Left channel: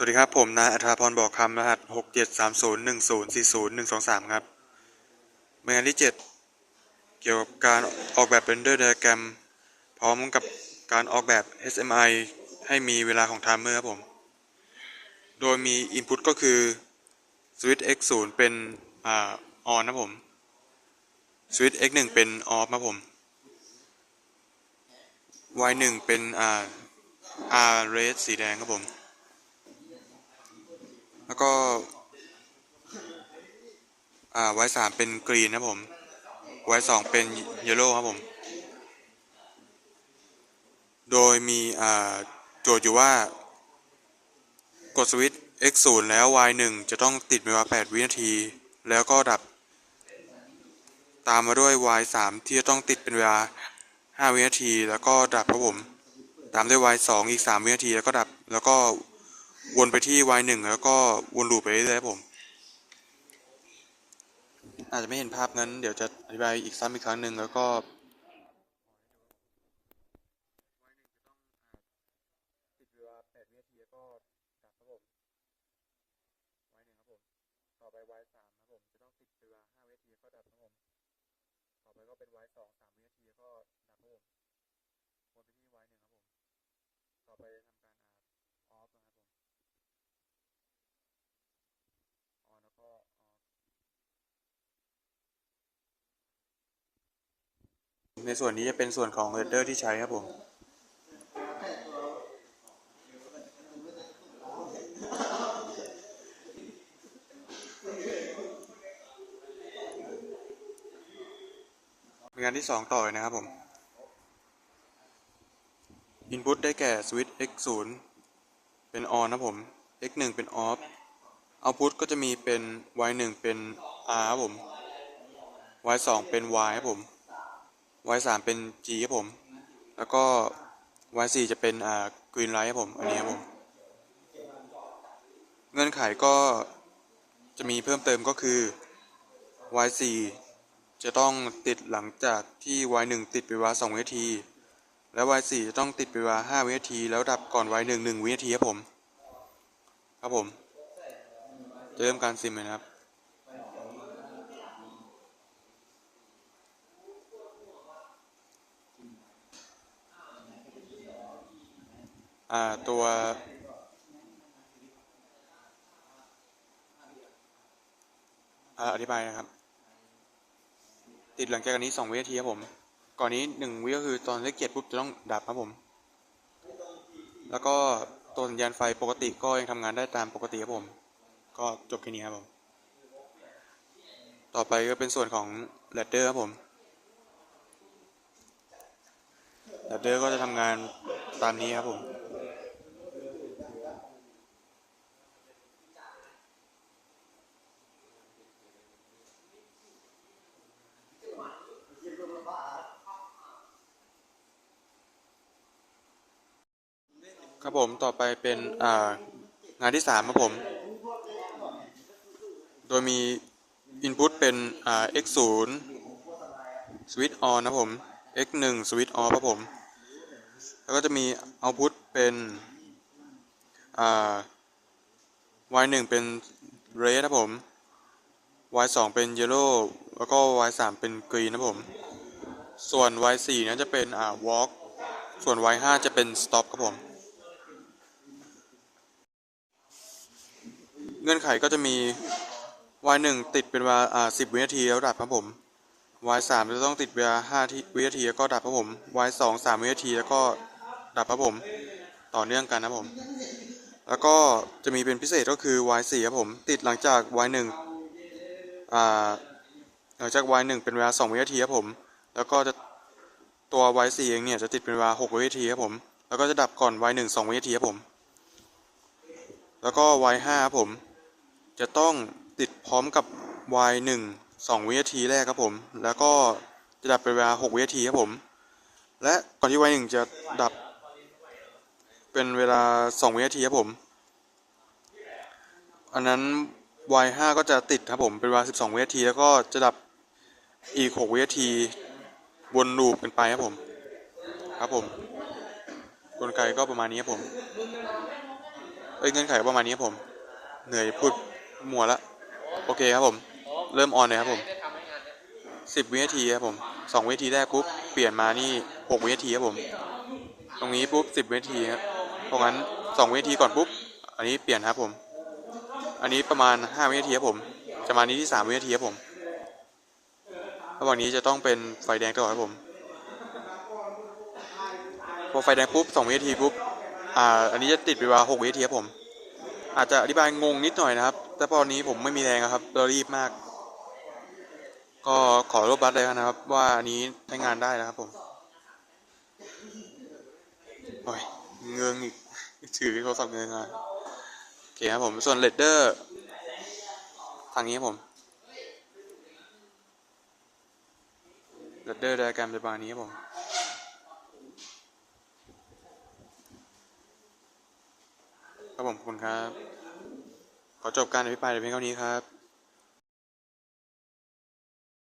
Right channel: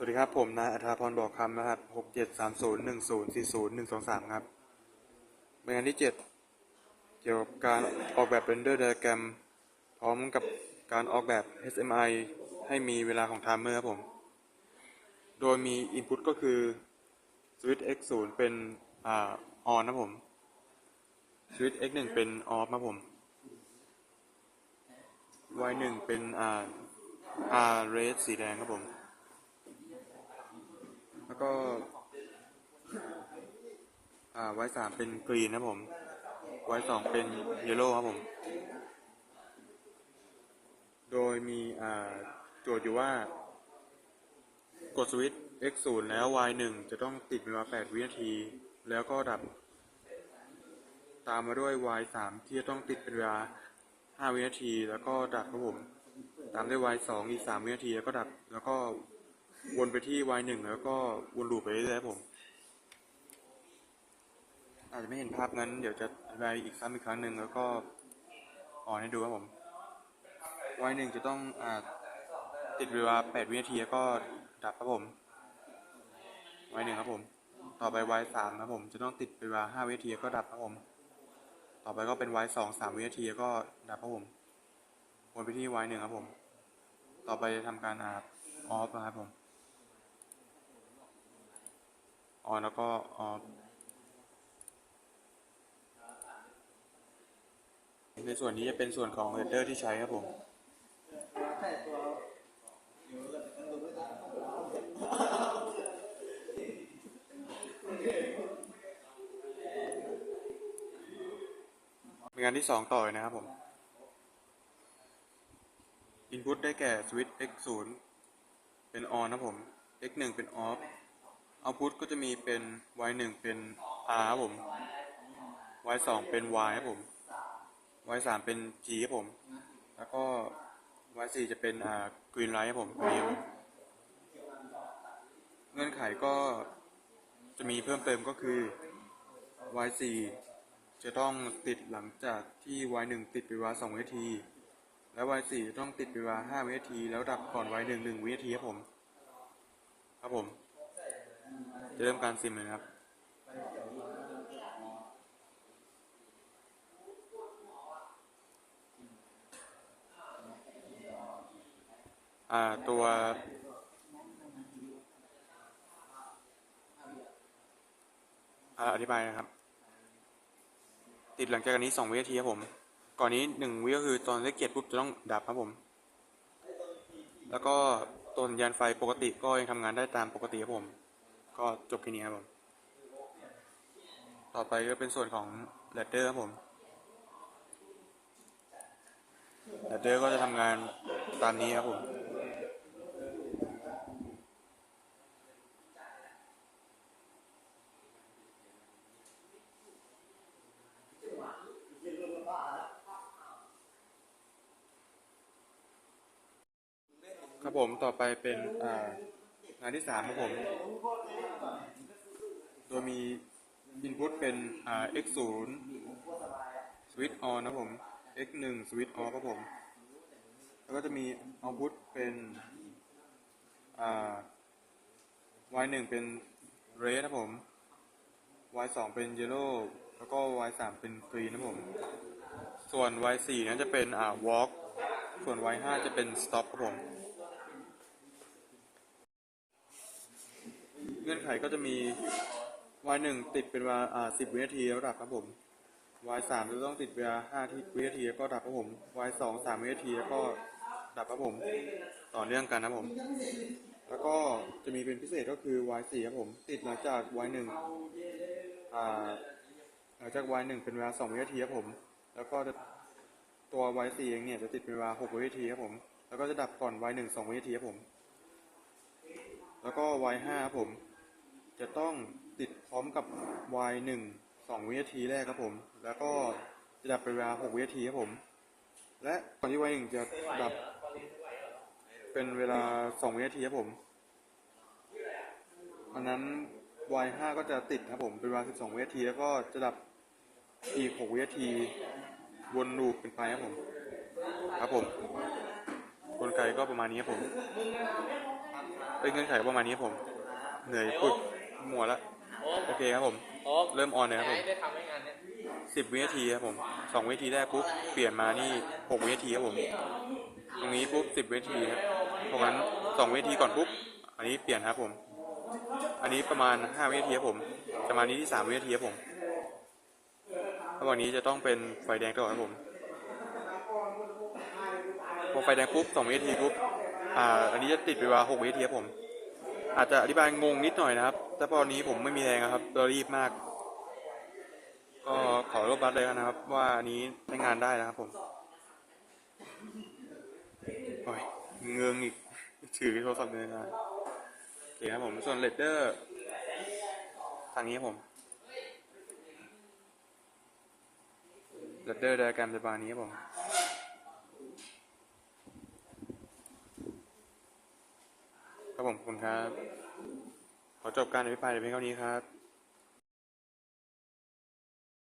สวัสดีครับ ผมนายอัธราพรบอกคำรหัสหกเจ็ดสามศูนย์หนึ่งศูนย์สี่ศูนย์หนึ่งสองสามครับงานที่เจ็ดเกี่ยวกับการออกแบบเรนเดอร์ไดอะแกรมพร้อมกับการออกแบบ HMI ให้มีเวลาของไทม์เมอร์ครับผม โดยมี Input ก็คือ Switch X 0 เป็นอ่า on นะผม Switch X 1 เป็น off นะผม Y 1 เป็นอ่า R red สีแดงครับผม แล้วก็อ่า Y สามเป็นกรีนนะผม Y สองเป็นเยลโล่ครับผม โดยมีอ่าโจทย์อยู่ว่า กดสวิตช์ X 0แล้ว Y 1จะต้องติดเป็นเวลา 8 วินาที แล้วก็ดับ ตามมาด้วย Y 3ที่จะต้องติดเป็นเวลา 5 วินาที แล้วก็ดับครับผม ตามด้วย Y 2อีก 3 วินาที แล้วก็ดับ แล้วก็ วนไปที่ Y 1แล้วก็วนลูปไปเรื่อยๆครับผม อาจจะไม่เห็นภาพงั้น เดี๋ยวจะอธิบายอีกซ้ำอีกครั้งหนึ่งแล้วก็อ่อนให้ดูครับผม Y 1จะต้องอติดเวลา 8 วินาทีแล้วก็ดับครับผม Y 1ครับผม ต่อไป Y 3ครับผม จะต้องติดเป็นเวลา 5 วินาทีแล้วก็ดับครับผม ต่อไปก็เป็น Y 2 3 วินาทีแล้วก็ดับครับผม วนไปที่ Y 1ครับผม ต่อไปจะทำการอาออฟนะครับผม ออแล้วก็ออในส่วนนี้จะเป็นส่วนของเรดเดอร์ที่ใช้ครับผมงานที่สองต่อเลยนะครับผม Input ได้แก่ Switch X 0 เป็น on นะครับผม X 1 เป็น off Output ก็จะมีเป็น Y 1เป็น R ครับผม Y 2เป็น Y ครับผม Y 3เป็น G ครับผม แล้วก็ Y 4จะเป็นอ่า Green Light ครับผม อันนี้ครับผม เงื่อนไขก็จะมีเพิ่มเติมก็คือ Y 4จะต้องติดหลังจากที่ Y 1ติดไปวลา2วินาที แล้ว Y 4จะต้องติดไปวลา5วินาที แล้วดับก่อน Y 1 1วินาทีครับผม ครับผม จะเริ่มการซิมเลยนะครับ อ่าตัวอ่าอธิบายนะครับ ติดหลังจากอันนี้สองวินาทีครับผม ก่อนนี้หนึ่งวิก็คือตอนเลขเจ็ดปุ๊บจะต้องดับครับผม แล้วก็ตัวสัญญาณไฟปกติก็ยังทำงานได้ตามปกติครับผม ก็จบแค่นี้ครับผม ต่อไปก็เป็นส่วนของแรดเดอร์ครับผมแรดเดอร์ก็จะทำงานตามนี้ครับผมครับผมต่อไปเป็นงานที่สามครับผม โดยมี Input เป็น x 0 switch on นะผม x 1 switch off ครับผม แล้วก็จะมี Output เป็นอ่า y 1เป็น red นะครับผม y 2เป็น yellow แล้วก็ y 3เป็น green นะผม ส่วน y 4นั้นจะเป็นอ่า walk ส่วน y 5จะเป็น stop ครับผม เงื่อนไขก็จะมี y 1ติดเป็นเวลาอ่า10วินาทีแล้วดับครับผม y 3จะต้องติดเวลา5ที่วินาทีแล้วก็ดับครับผม y 2 3วินาทีแล้วก็ดับครับผม ต่อเนื่องกันนะผม แล้วก็จะมีเป็นพิเศษก็คือ y 4ครับผม ติดหลังจาก y 1อ่าหลังจาก y 1เป็นเวลา2วินาทีครับผม แล้วก็จะตัว y 4เองเนี่ยจะติดเป็นเวลา6วินาทีครับผม แล้วก็จะดับก่อน y 1 2วินาทีครับผม แล้วก็ y 5ครับผม จะต้อง ติดพร้อมกับ y 1 2 วินาทีแรกครับผม แล้วก็จะดับเป็นเวลา 6 วินาทีครับผม และก่อนที่ y 1จะดับเป็นเวลา 2 วินาทีครับผม อันนั้น y 5ก็จะติดครับผม เป็นเวลา 12 วินาที แล้วก็จะดับอีก 6 วินาทีวนลูปกันไปครับผม ครับผมกลไกก็ประมาณนี้ครับผม เอ้ยเงื่อนไขก็ประมาณนี้ครับผม เหนื่อยพูดมัวละ โอเคครับผม เริ่มออนเลยครับผมสิบวินาทีครับผมสองวินาทีแรกปุ๊บเปลี่ยนมานี่หกวินาทีครับผม ตรงนี้ปุ๊บสิบวินาทีครับเพราะงั้นสองวินาทีก่อนปุ๊บ อันนี้เปลี่ยนครับผม อันนี้ประมาณห้าวินาทีครับผม จะมานี้ที่สามวินาทีครับผมระหว่างนี้จะต้องเป็นไฟแดงตลอดครับผมพอไฟแดงปุ๊บสองวินาทีปุ๊บ อ่า อันนี้จะติดเวลาหกวินาทีครับผม อาจจะอธิบายงงนิดหน่อยนะครับ แต่ตอนนี้ผมไม่มีแรงครับเรารีบมาก ก็ขอรบบัตเลยนะครับ ว่าอันนี้ใช้งานได้นะครับ ผมโอ้ยเงืองอีกถือโทรศัพท์เงืองอะโอเคครับผมส่วนเลดเดอร์ทางนี้ครับผมเลดเดอร์ไดอะแกรมจะประมาณนี้ครับผม ครับผมขอบคุณครับ ขอจบการอภิปรายเพียงเท่านี้ครับ